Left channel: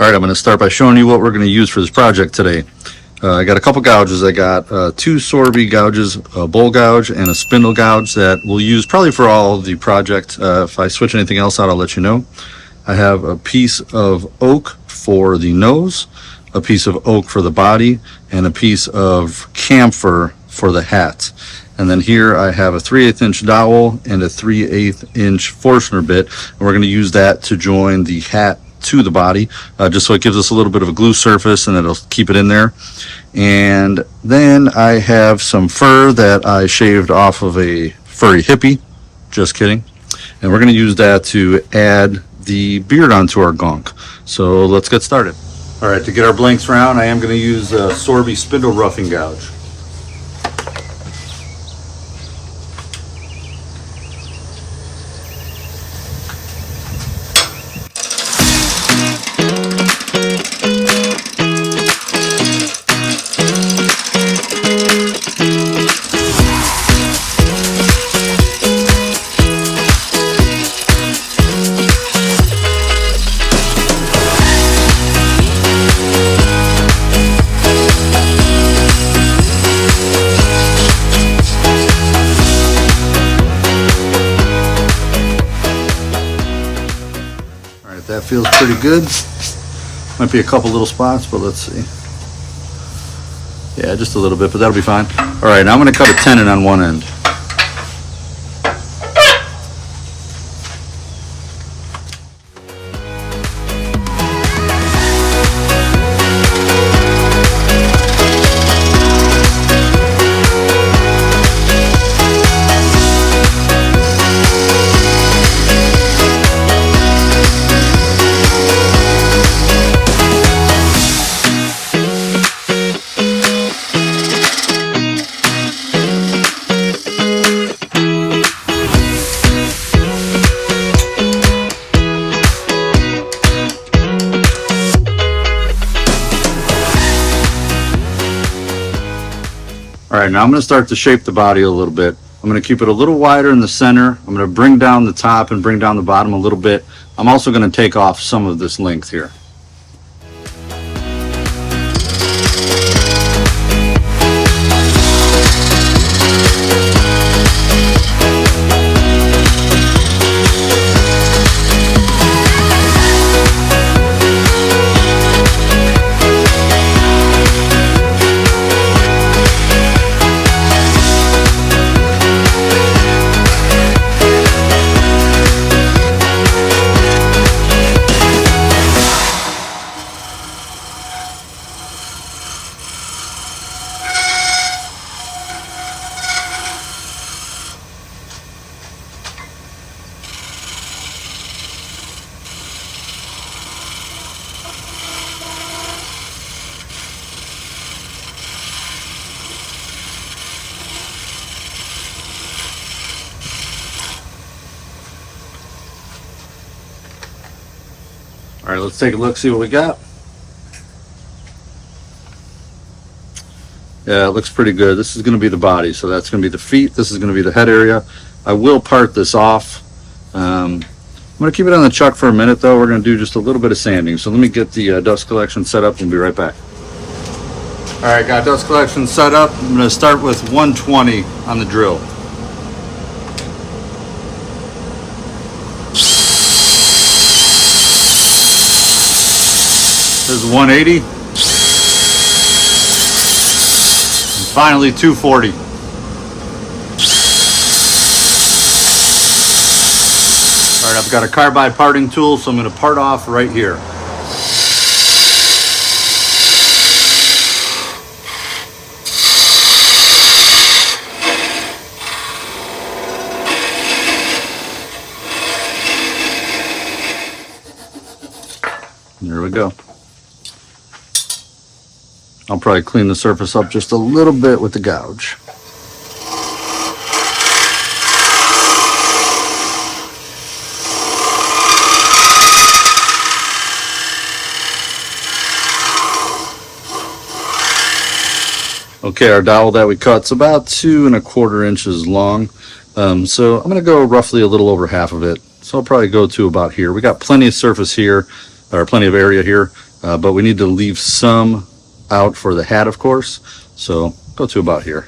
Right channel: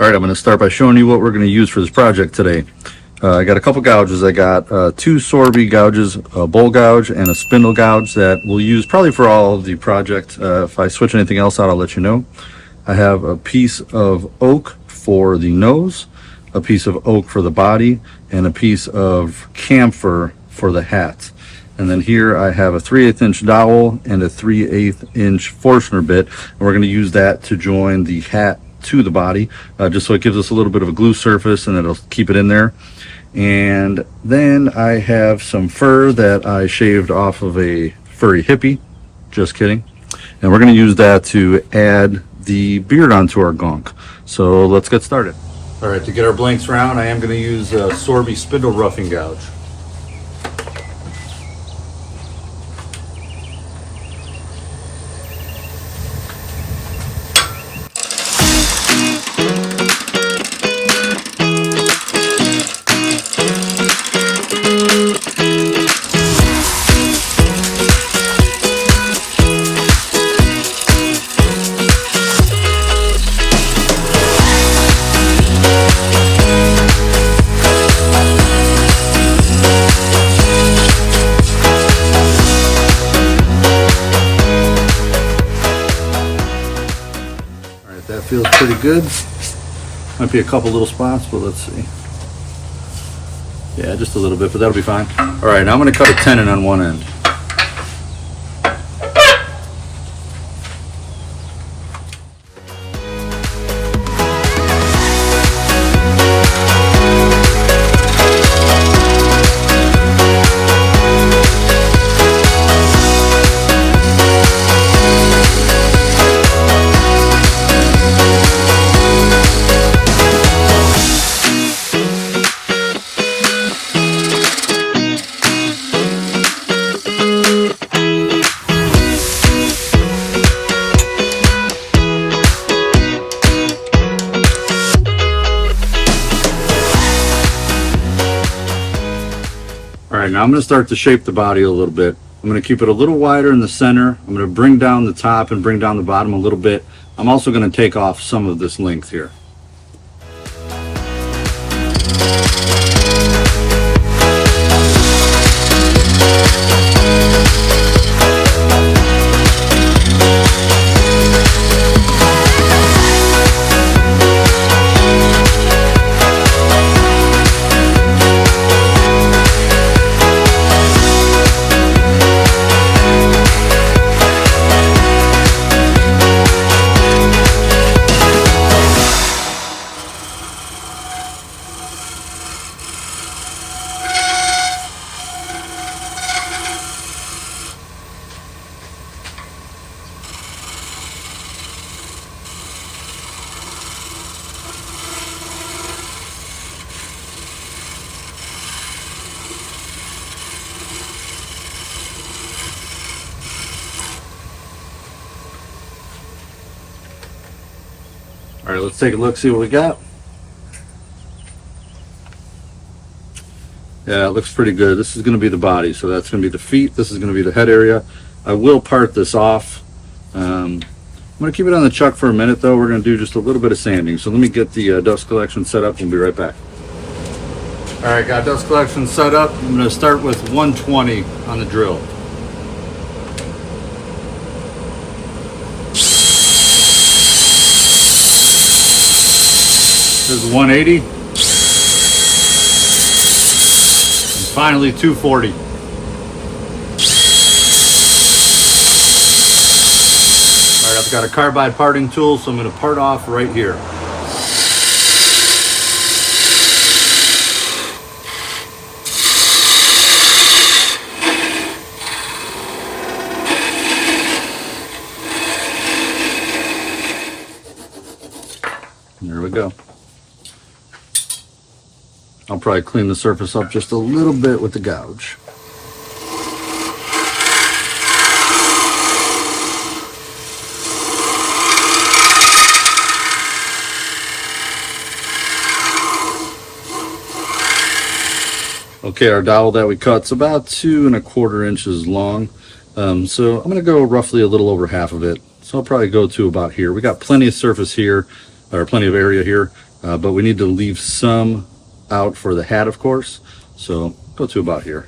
All right, I'm going to start by showing you what we're going to use for this project today. I got a couple gouges. I got two Sorby gouges, a bowl gouge and a spindle gouge that we'll use probably for all of the project. If I switch anything else out, I'll let you know. I have a piece of oak for the nose, a piece of oak for the body, and a piece of camphor for the hat. And then here I have a 3/8 inch dowel and a 3/8 inch Forstner bit, and we're going to use that to join the hat to the body, just so it gives us a little bit of a glue surface and it'll keep it in there. And then I have some fur that I shaved off of a furry hippie, just kidding, and we're going to use that to add the beard onto our gonk. So let's get started. All right, to get our blanks round, I am going to use a Sorby spindle roughing gouge. That feels pretty good. Might be a couple little spots, but let's see. Yeah, just a little bit, but that'll be fine. All right, now I'm going to cut a tenon on one end. All right, now I'm going to start to shape the body a little bit. I'm going to keep it a little wider in the center. I'm going to bring down the top and bring down the bottom a little bit. I'm also going to take off some of this length here. All right, let's take a look, see what we got. Yeah, it looks pretty good. This is going to be the body, so that's going to be the feet. This is going to be the head area. I will part this off. I'm going to keep it on the chuck for a minute, though. We're going to do just a little bit of sanding. So let me get the dust collection set up and be right back. All right, got dust collection set up. I'm going to start with 120 on the drill. There's 180. And finally 240. All right, I've got a carbide parting tool, so I'm going to part off right here. There we go. I'll probably clean the surface up just a little bit with the gouge. Okay, our dowel that we cut's about 2 1/4 inches long. So I'm going to go roughly a little over half of it. So I'll probably go to about here. We got plenty of surface here, or plenty of area here. but we need to leave some out for the hat, of course. So go to about here.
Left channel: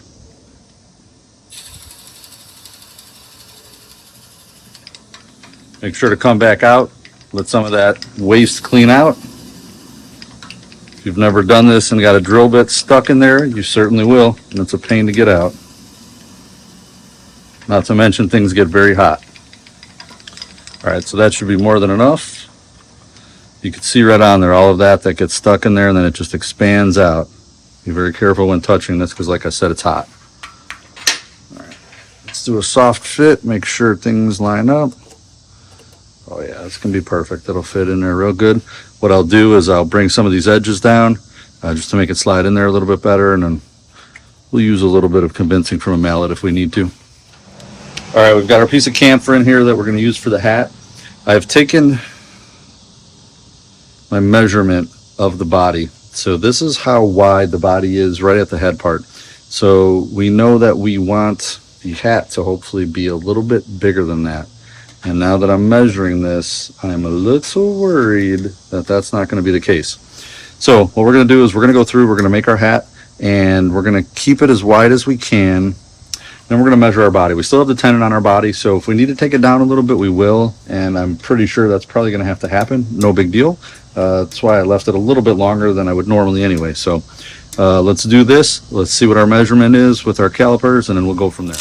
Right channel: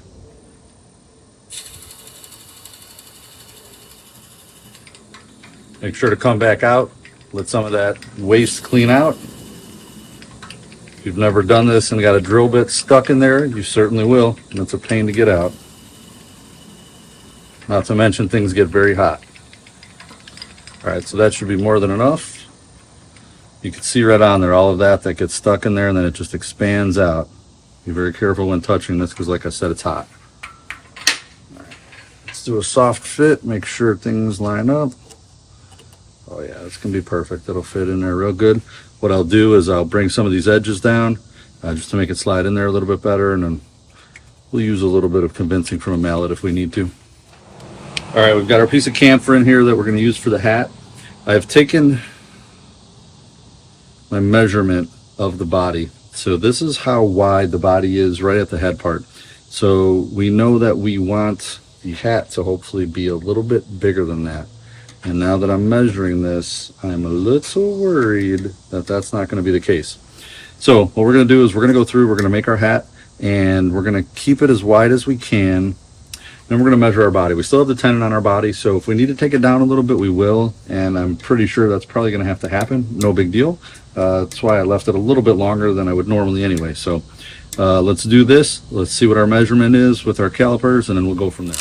Make sure to come back out, let some of that waste clean out. If you've never done this and got a drill bit stuck in there, you certainly will, and it's a pain to get out. Not to mention things get very hot. All right, so that should be more than enough. You can see right on there all of that gets stuck in there, and then it just expands out. Be very careful when touching this because, like I said, it's hot. All right, let's do a soft fit, make sure things line up. Oh yeah, it's gonna be perfect. It'll fit in there real good. What I'll do is I'll bring some of these edges down just to make it slide in there a little bit better, and then we'll use a little bit of convincing from a mallet if we need to. All right, we've got our piece of camphor in here that we're gonna use for the hat. I've taken my measurement of the body. So this is how wide the body is right at the head part. So we know that we want the hat to hopefully be a little bit bigger than that. And now that I'm measuring this, I'm a little worried that that's not going to be the case. So what we're going to do is we're going to go through, we're going to make our hat, and we're going to keep it as wide as we can. Then we're going to measure our body. We still have the tenon on our body, so if we need to take it down a little bit, we will. And I'm pretty sure that's probably going to have to happen. No big deal. That's why I left it a little bit longer than I would normally anyway. So let's do this. Let's see what our measurement is with our calipers, and then we'll go from there.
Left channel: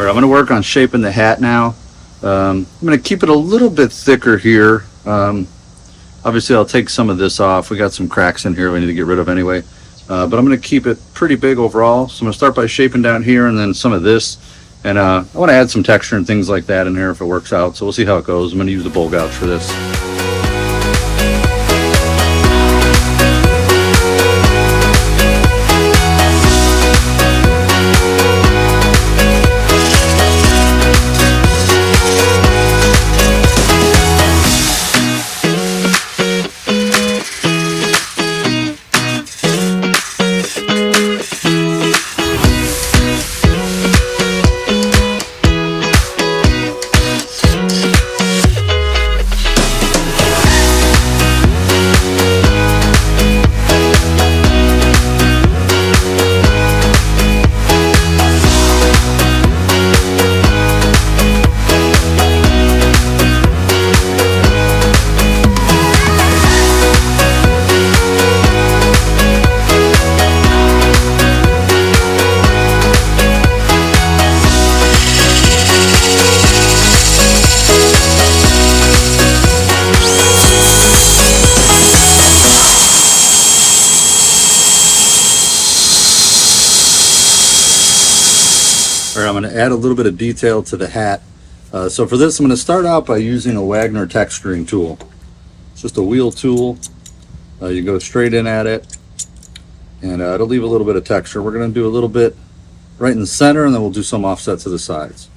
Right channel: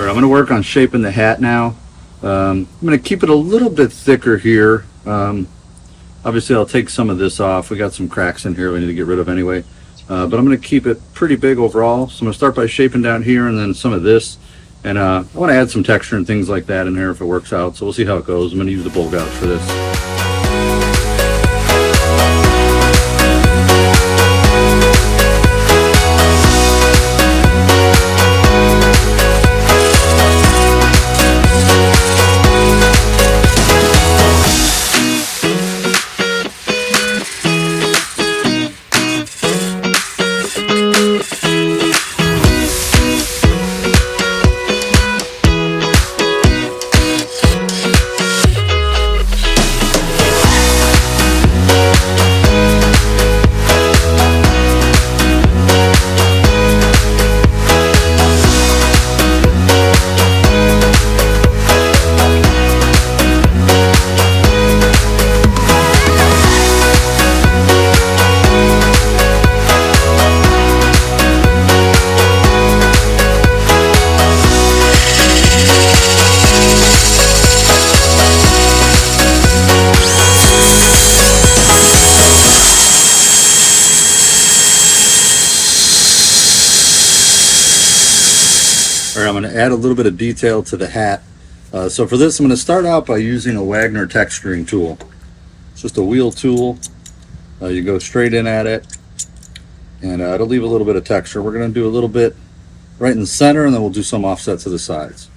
I'm going to work on shaping the hat now. I'm going to keep it a little bit thicker here. Obviously I'll take some of this off. We got some cracks in here we need to get rid of anyway. But I'm going to keep it pretty big overall. So I'm going to start by shaping down here and then some of this. And I want to add some texture and things like that in there if it works out. So we'll see how it goes. I'm going to use the bowl gouge for this. All right, I'm going to add a little bit of detail to the hat. So for this, I'm going to start out by using a Wagner texturing tool. It's just a wheel tool. You go straight in at it, and it'll leave a little bit of texture. We're going to do a little bit right in the center, and then we'll do some offset to the sides.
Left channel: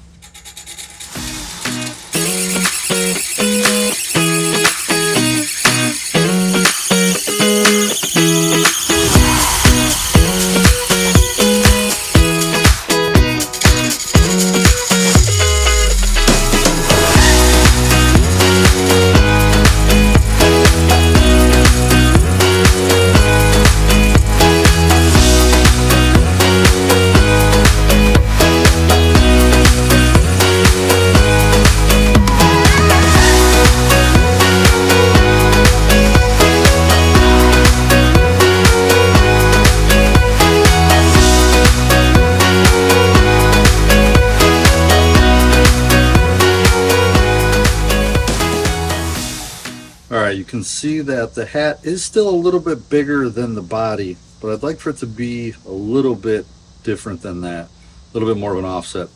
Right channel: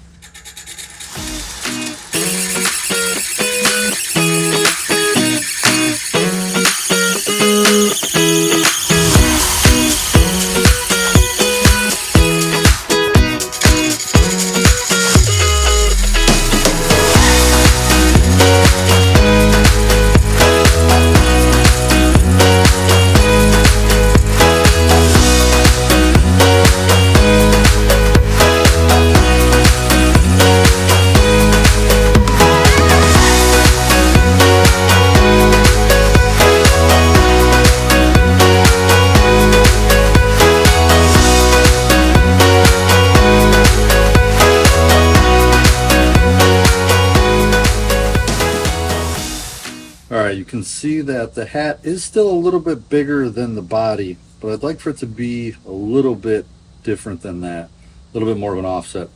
Alright, you can see that the hat is still a little bit bigger than the body, but I'd like for it to be a little bit different than that, a little bit more of an offset.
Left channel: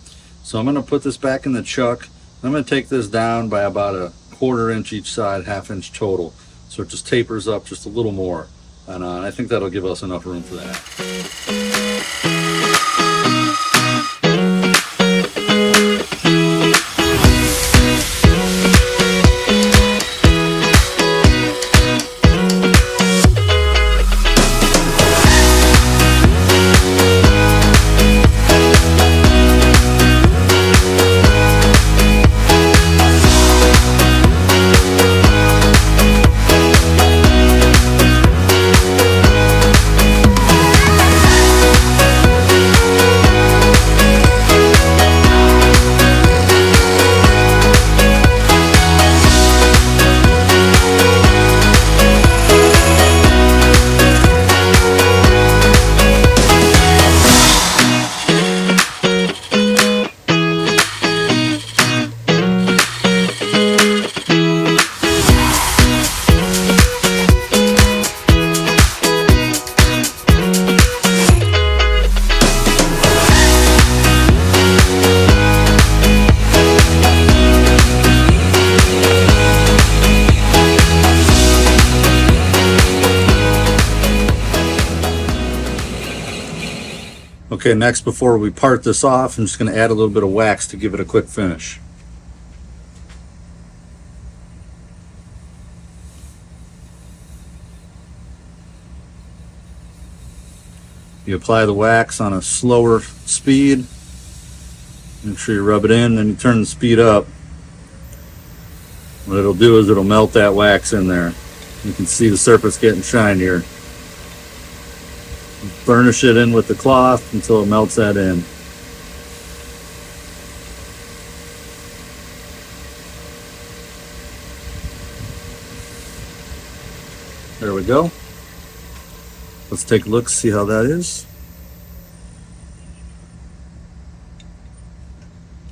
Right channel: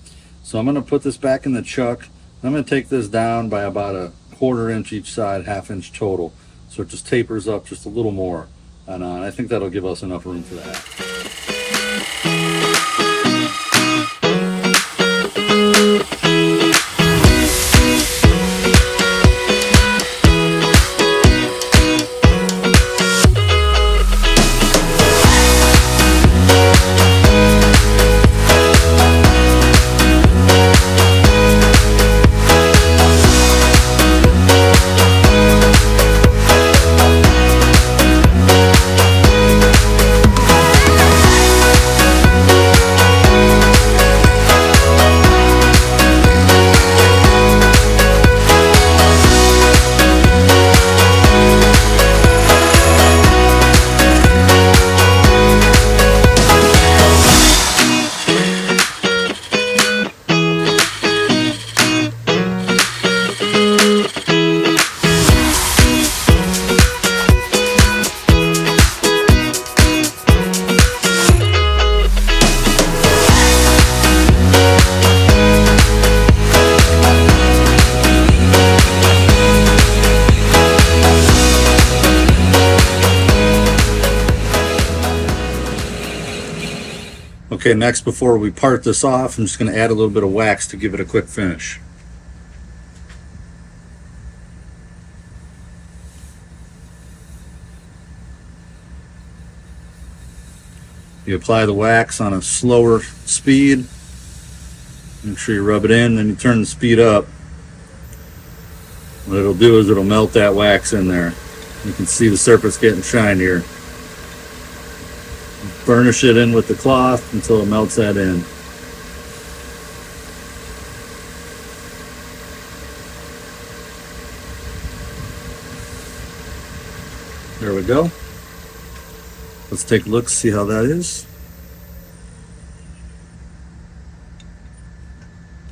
So I'm going to put this back in the chuck. I'm going to take this down by about a 1/4 inch each side, 1/2 inch total. So it just tapers up just a little more. And I think that'll give us enough room for that. Okay, next, before we part this off, I'm just going to add a little bit of wax to give it a quick finish. You apply the wax on a slower speed. Make sure you rub it in, then you turn the speed up. What it'll do is it'll melt that wax in there. You can see the surface getting shinier. Burnish it in with the cloth until it melts that in. There we go. Let's take a look, see how that is.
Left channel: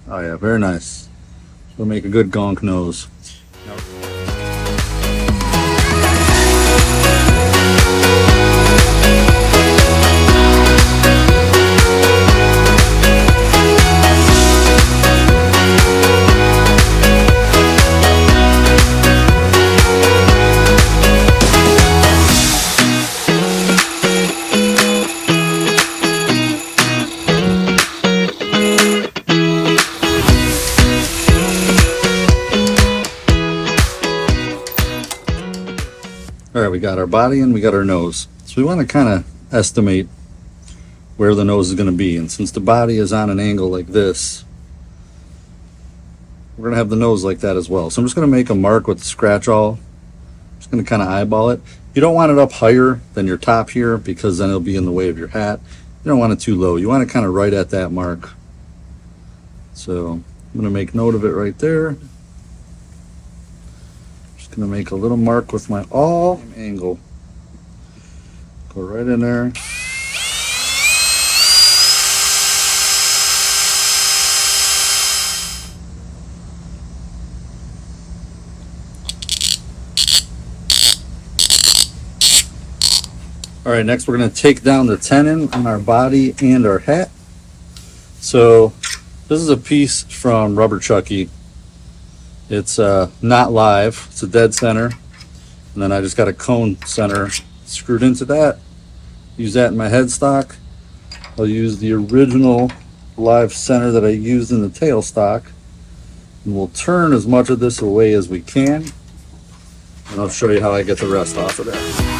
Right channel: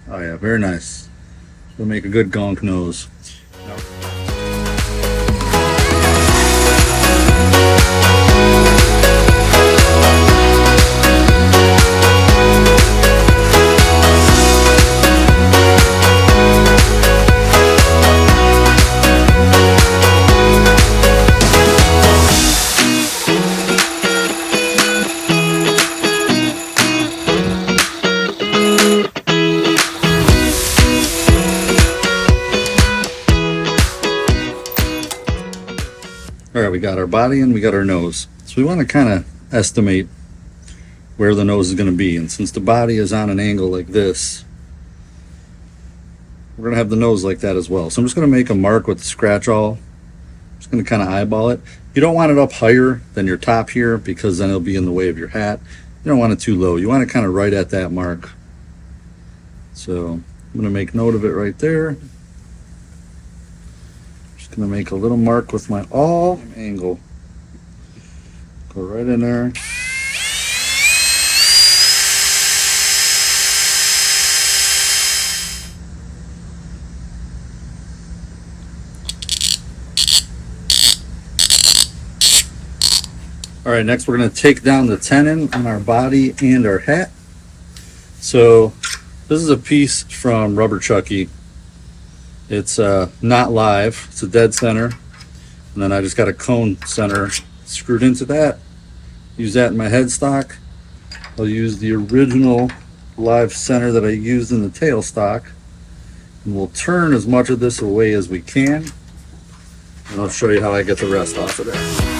Oh yeah, very nice. It'll make a good gonk nose. Now, all right, we got our body and we got our nose. So we want to kind of estimate where the nose is going to be. And since the body is on an angle like this, we're going to have the nose like that as well. So I'm just going to make a mark with the scratch awl. I'm just going to kind of eyeball it. You don't want it up higher than your top here because then it'll be in the way of your hat. You don't want it too low. You want it kind of right at that mark. So I'm going to make note of it right there. Gonna make a little mark with my awl angle. Go right in there. All right, next we're gonna take down the tenon on our body and our hat. So this is a piece from Rubber Chucky. It's not live, it's a dead center, and then I just got a cone center screwed into that. Use that in my headstock. I'll use the original live center that I used in the tailstock, and we'll turn as much of this away as we can, and I'll show you how I get the rest off of there.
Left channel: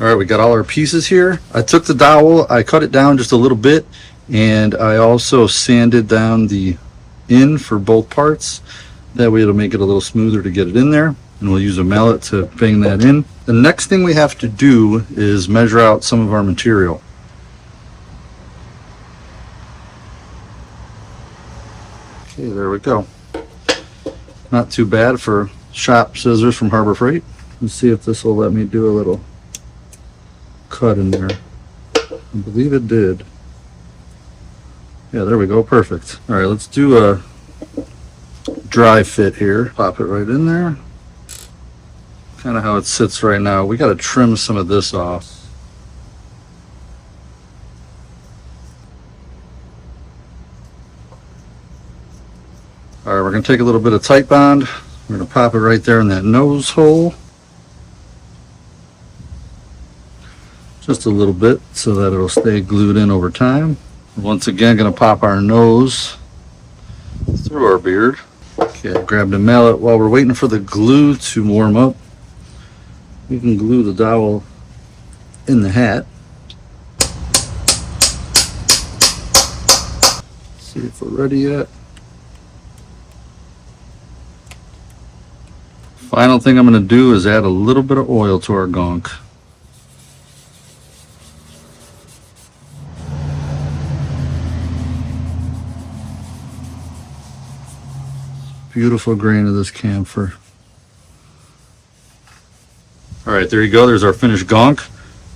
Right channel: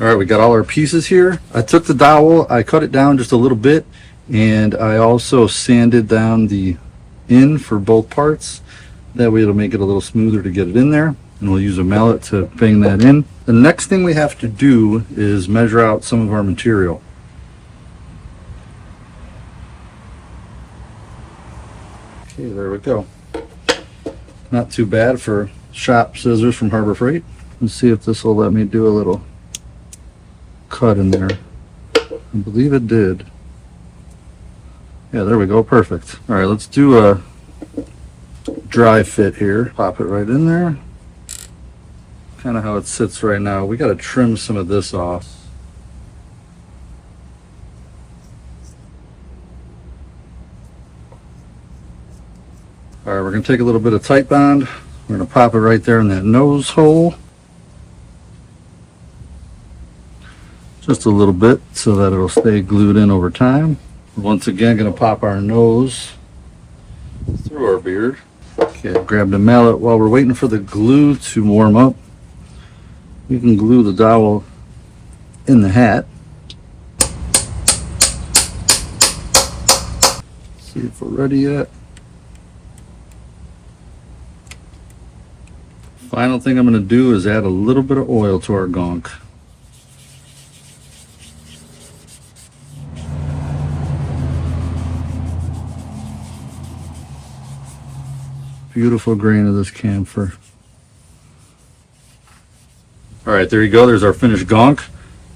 All right, we got all our pieces here. I took the dowel, I cut it down just a little bit, and I also sanded down the in for both parts. That way it'll make it a little smoother to get it in there, and we'll use a mallet to bang that in. The next thing we have to do is measure out some of our material. Okay, there we go. Not too bad for shop scissors from Harbor Freight. Let's see if this will let me do a little cut in there. I believe it did. Yeah, there we go, perfect. All right, let's do a dry fit here. Pop it right in there. Kind of how it sits right now. We got to trim some of this off. All right, we're going to take a little bit of tight bond. We're going to pop it right there in that nose hole. Just a little bit so that it'll stay glued in over time. Once again, going to pop our nose through our beard. Okay, grab the mallet. While we're waiting for the glue to warm up, we can glue the dowel in the hat. See if we're ready yet. Final thing I'm going to do is add a little bit of oil to our gonk. Beautiful grain of this camphor. All right, there you go. There's our finished gonk.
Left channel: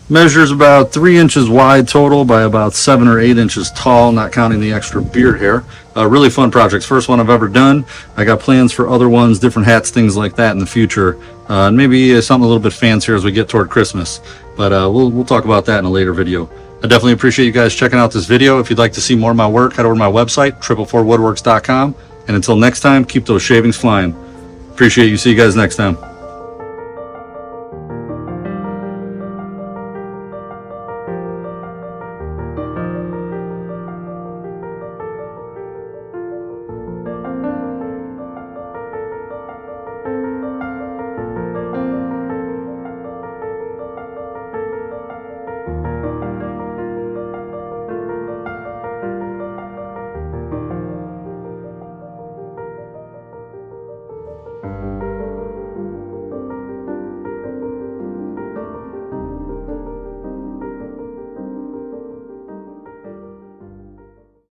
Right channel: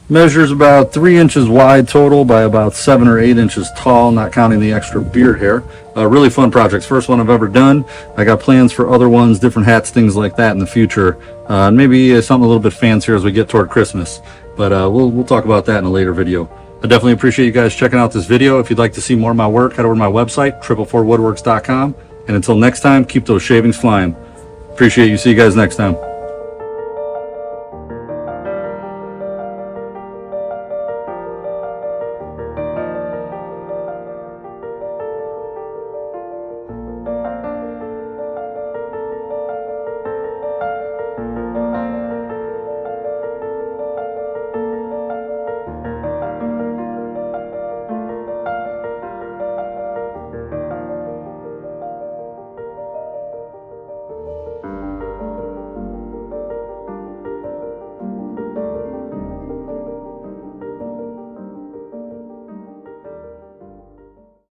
Measures about 3 inches wide total by about 7 or 8 inches tall, not counting the extra beard hair. Really fun projects. First one I've ever done. I got plans for other ones, different hats, things like that in the future. And maybe something a little bit fancier as we get toward Christmas. But we'll talk about that in a later video. I definitely appreciate you guys checking out this video. If you'd like to see more of my work, head over to my website, 444woodworks.com. And until next time, keep those shavings flying. Appreciate you. See you guys next time.